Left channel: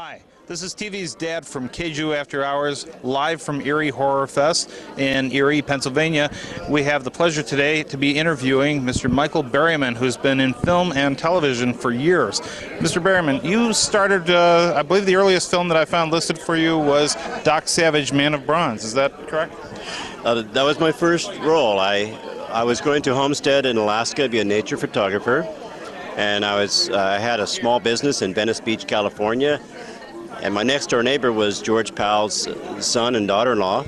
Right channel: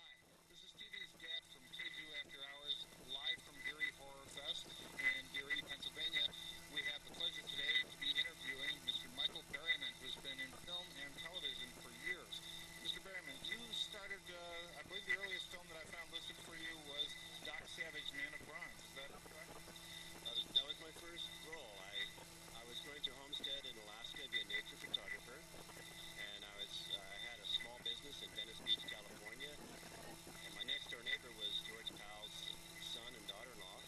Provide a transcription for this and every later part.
Hi, this is TV's Dad from Kaiju After Hours, live from Erie Horror Fest in Erie, Pennsylvania. We have the pleasure today to be interviewing Mr. Michael Berryman, who's been in film and television for years. Mr. Berryman, you started, I believe the earliest film that I found listed for you was Doc Savage, Man of Bronze. Is that correct? That was my first role. I was going to Homestead in Alaska to be a nature photographer, and I had a small business in Venice Beach, California. And my next door neighbor was George Powell's son and daughter-in-law,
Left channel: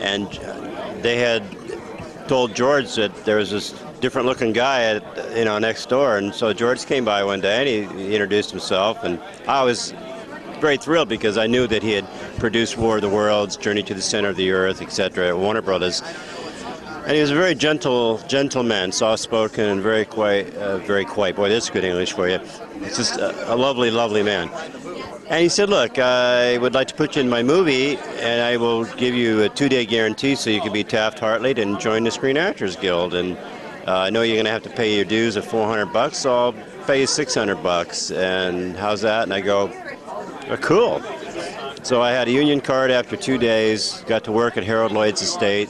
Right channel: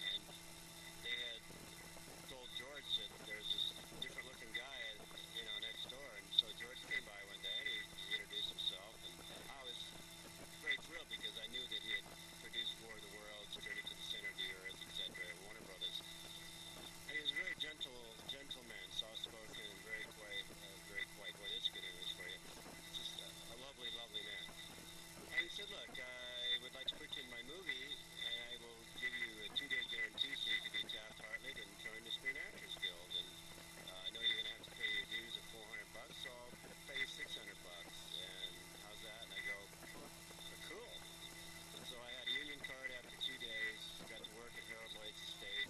and they had told George that there was this different-looking guy next door. And so George came by one day and he introduced himself, and I was very thrilled because I knew that he had produced War of the Worlds, Journey to the Center of the Earth, etc. at Warner Brothers. And he was a very gentle man, soft-spoken, and very quiet. Boy, that's good English for you. It's just a lovely, lovely man. And he said, look, I would like to put you in my movie, and I will give you a 2-day guarantee so you can be Taft-Hartley and join the Screen Actors Guild. And I know you're going to have to pay your dues of $400, so I'll pay you $600. And how's that? And I go, oh, cool. So I had a union card after 2 days, got to work at Harold Lloyd's estate,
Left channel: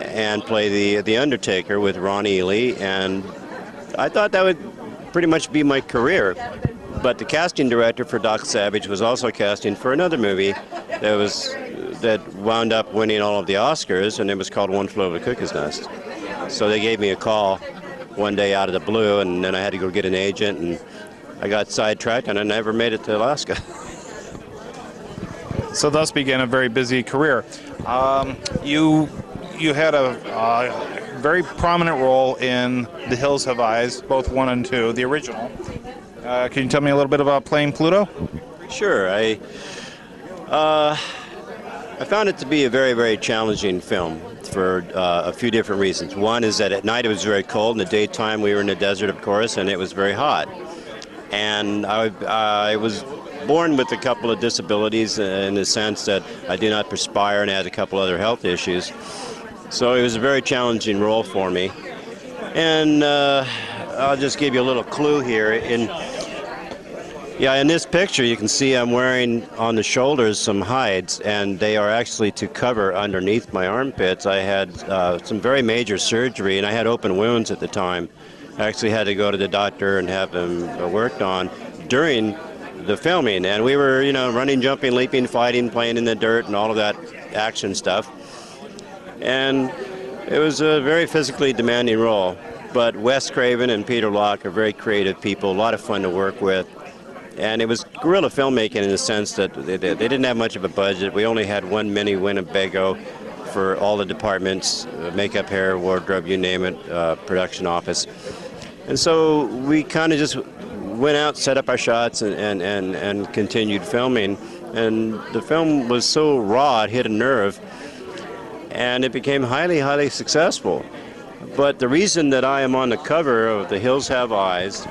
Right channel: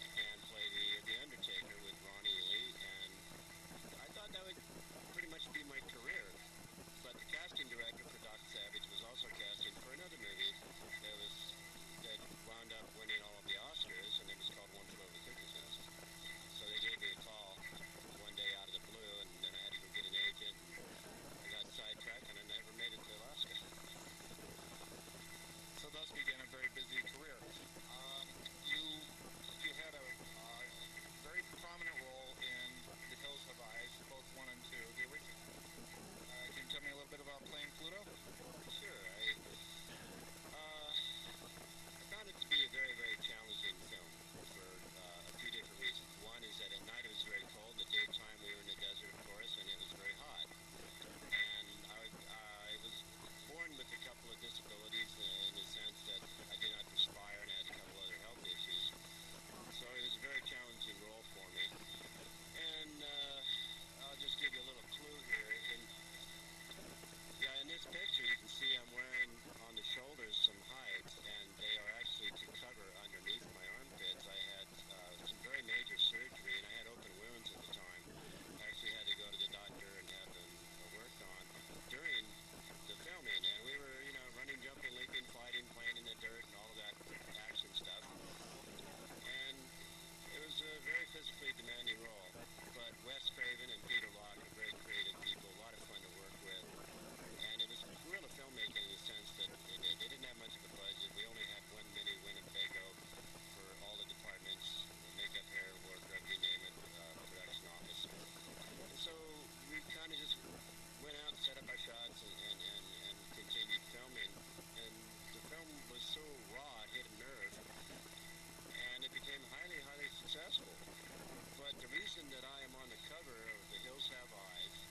and play the Undertaker with Ron Ely. And I thought that would pretty much be my career. But the casting director for Doc Savage was also casting for another movie that wound up winning all of the Oscars, and it was called One Flew Over the Cuckoo's Nest. So they gave me a call one day out of the blue, and then I had to go get an agent, and I got sidetracked, and I never made it to Alaska. So thus began a very busy career. You had a very prominent role in The Hills Have Eyes, both 1 and 2, the original. Can you tell me a little bit about playing Pluto? Sure. I found it to be a very, very challenging film for a few different reasons. One is that at night it was very cold. In the daytime we were in the desert, of course, and it was very hot. And I was born with a couple of disabilities in the sense that I do not perspire and had a couple other health issues. So it was a very challenging role for me. And I'll just give you a little clue here. In this picture you can see I'm wearing on the shoulders some hides, and they are actually to cover underneath my armpits. I had some very major surgery, and I had open wounds at the time. I actually had to go to the doctor and have them worked on during the filming, and we were, running, jumping, leaping, fighting, playing in the dirt, and all of that action stuff. And it was a very physically demanding role. But Wes Craven and Peter Locke are very creative people, a lot of fun to work with. And it was guerrilla filmmaking in the sense that they didn't have much of a budget. We only had one mini Winnebago for all the departments, makeup, hair, wardrobe, you name it, production office. And so we kind of just went out, set up our shots, and continued filming. And the film was so raw, it hit a nerve, and it became highly, highly successful. But the reason that I am on the cover of The Hills Have Eyes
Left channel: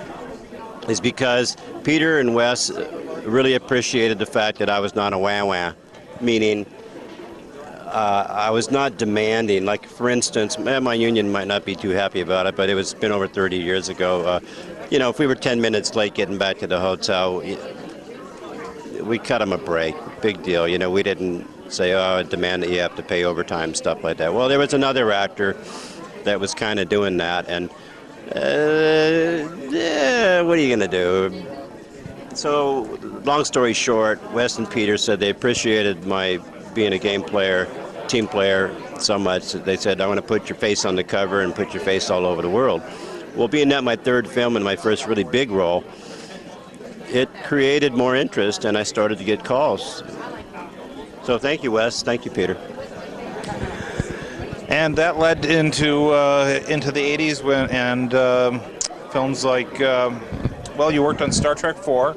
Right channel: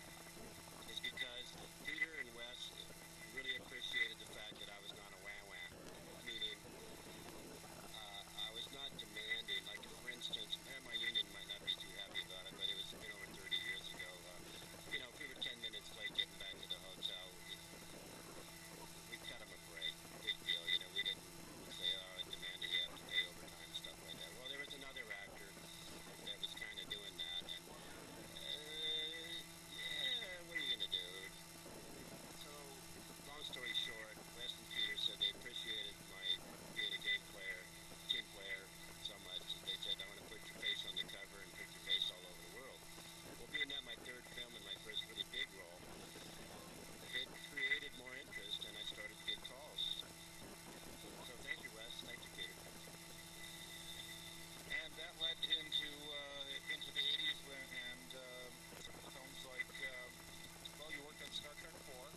is because Peter and Wes really appreciated the fact that I was not a wah-wah, meaning I was not demanding. Like, for instance, my union might not be too happy about it, but it's been over 30 years ago. If we were 10 minutes late getting back to the hotel, we cut them a break. Big deal. We didn't say, oh, I demand that you have to pay overtime, stuff like that. Well, there was another actor that was kind of doing that, and what are you going to do? So, long story short, Wes and Peter said they appreciated my being a game player, team player, so much that they said, I want to put your face on the cover and put your face all over the world. Well, being that my third film and my first really big role, it created more interest, and I started to get calls. So thank you, Wes. Thank you, Peter. And that led into the 80s and films like, you worked on Star Trek 4.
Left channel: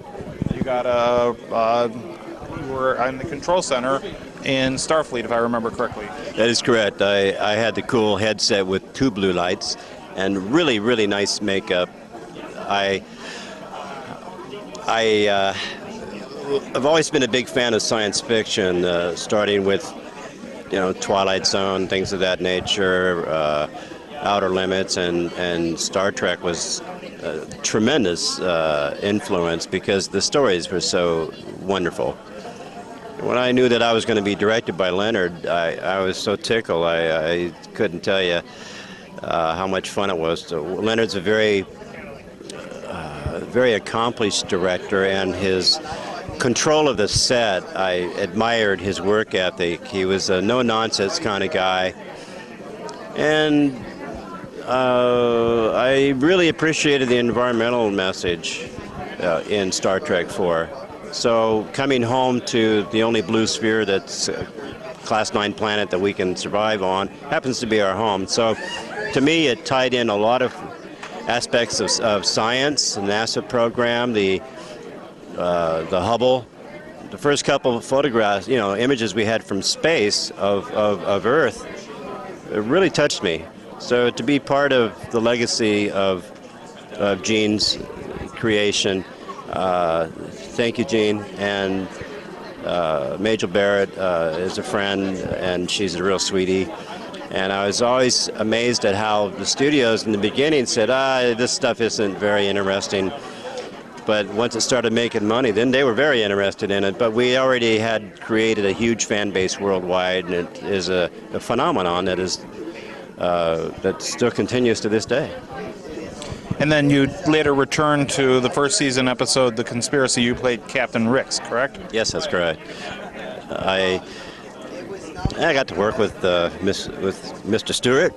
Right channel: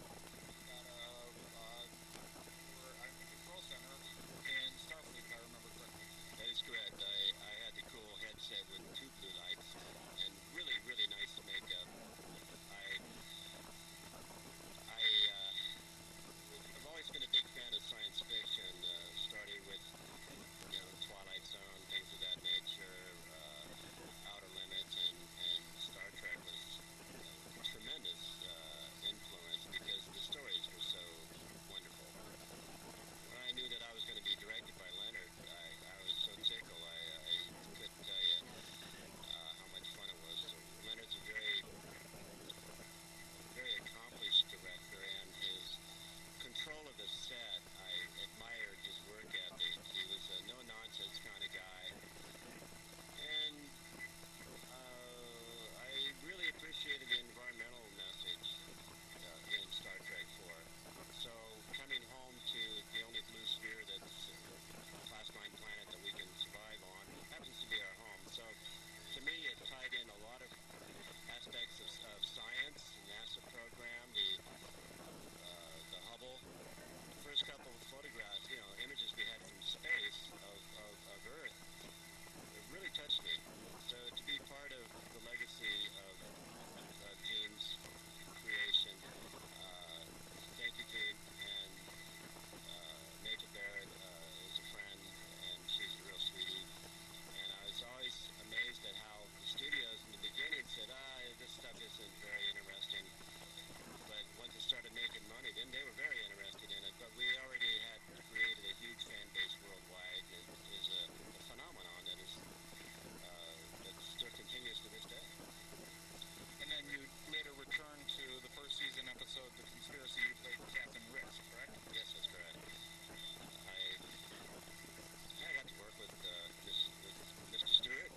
You got you were in the control center in Starfleet, if I remember correctly. That is correct. I had the cool headset with 2 blue lights and really, really nice makeup. I've always been a big fan of science fiction, starting with Twilight Zone, things of that nature, Outer Limits, and Star Trek was tremendous influence because the stories were so wonderful. When I knew that I was going to be directed by Leonard, I was so tickled. I couldn't tell you how much fun it was. Leonard's a very accomplished director, and his control of the set, I admired his work ethic. He was a no-nonsense kind of guy, and I really appreciated the environmental message in Star Trek 4. So coming home to the only blue sphere that's a Class 9 planet that we can survive on happens to be our home. So to me, it tied in a lot of aspects of science, the NASA program, the Hubble. The first couple of photographs, images we had from space of Earth, it really touched me. So to be part of the legacy of Gene's creation, thank you, Gene. And Majel Barrett is a friend, and she's a real sweetie. And I was always amazed at how the studios in the beginning said, this stuff isn't very interesting. But once it started making money, then they were very interested in it. But we already had created a huge fan base worldwide, and it is a phenomenon that still continues to this day. And then you later returned to the first season episode, The Conspiracy. You played Captain Ricks, correct? Yes, that's correct. I got to work with Mr. Stewart,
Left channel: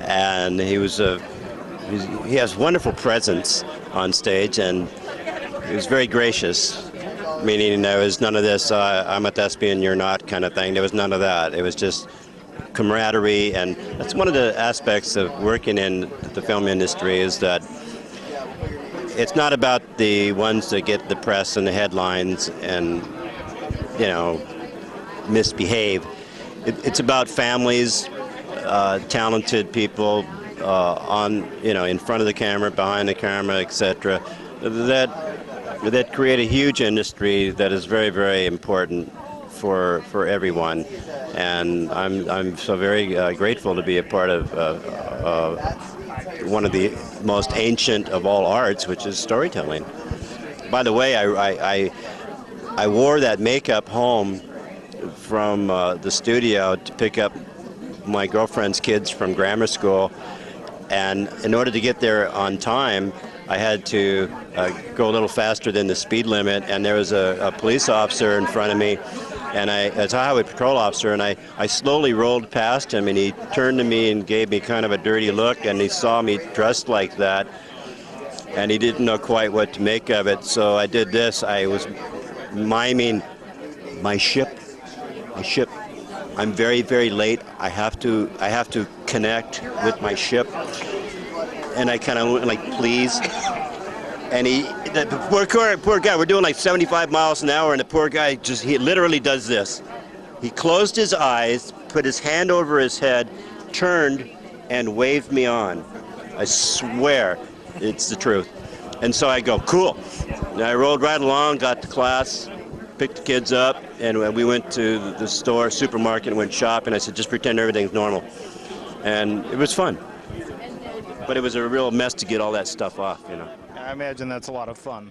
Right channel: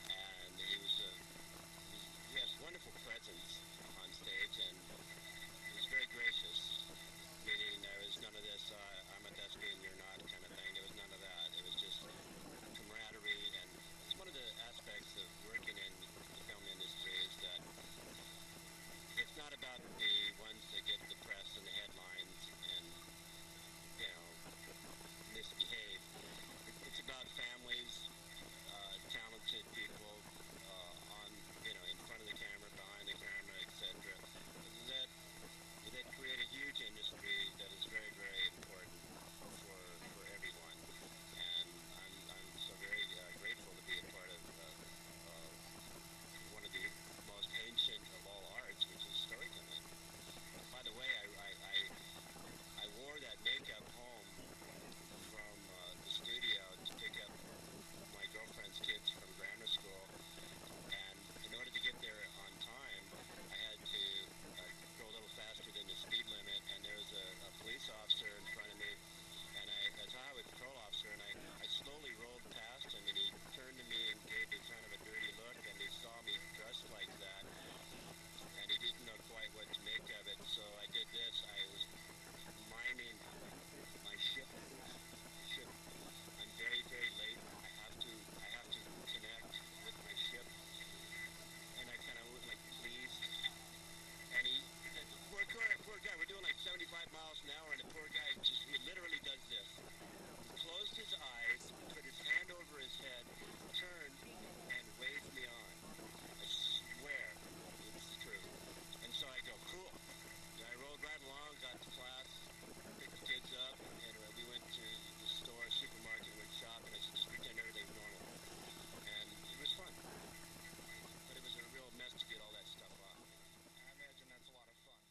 and he has wonderful presence on stage, and he was very gracious, meaning there was none of this, I'm a thespian, you're not kind of thing. There was none of that. It was just camaraderie, and that's one of the aspects of working in the film industry, is that it's not about the ones that get the press and the headlines and, misbehave. It's about families, talented people in front of the camera, behind the camera, etc., that create a huge industry that is very, very important for everyone. And I'm so very grateful to be a part of one of the most ancient of all arts, which is storytelling. By the way, I wore that makeup home from the studio to pick up my girlfriend's kids from grammar school, and in order to get there on time, I had to go a little faster than the speed limit, and there was a police officer in front of me, and as a highway patrol officer, and I slowly rolled past him, and he turned to me and gave me kind of a dirty look, and he saw me dressed like that, and he didn't know quite what to make of it, so I did this. I was miming my ship. I'm very, very late. I have to connect with my ship. And I kind of went like, please. And the poor guy, we're doing like 75 miles an hour, and the poor guy he literally does this. He closed his eyes, put his hand over his head, turned, and waved me on. I swear, it's the truth. And so I go, cool. And I rolled right along, got to class, picked the kids up, and we went to the supermarket, and went shopping. I said, just pretend everything's normal. And it was fun. But it was a real mess to get all that stuff off, I imagine that's a lot of fun.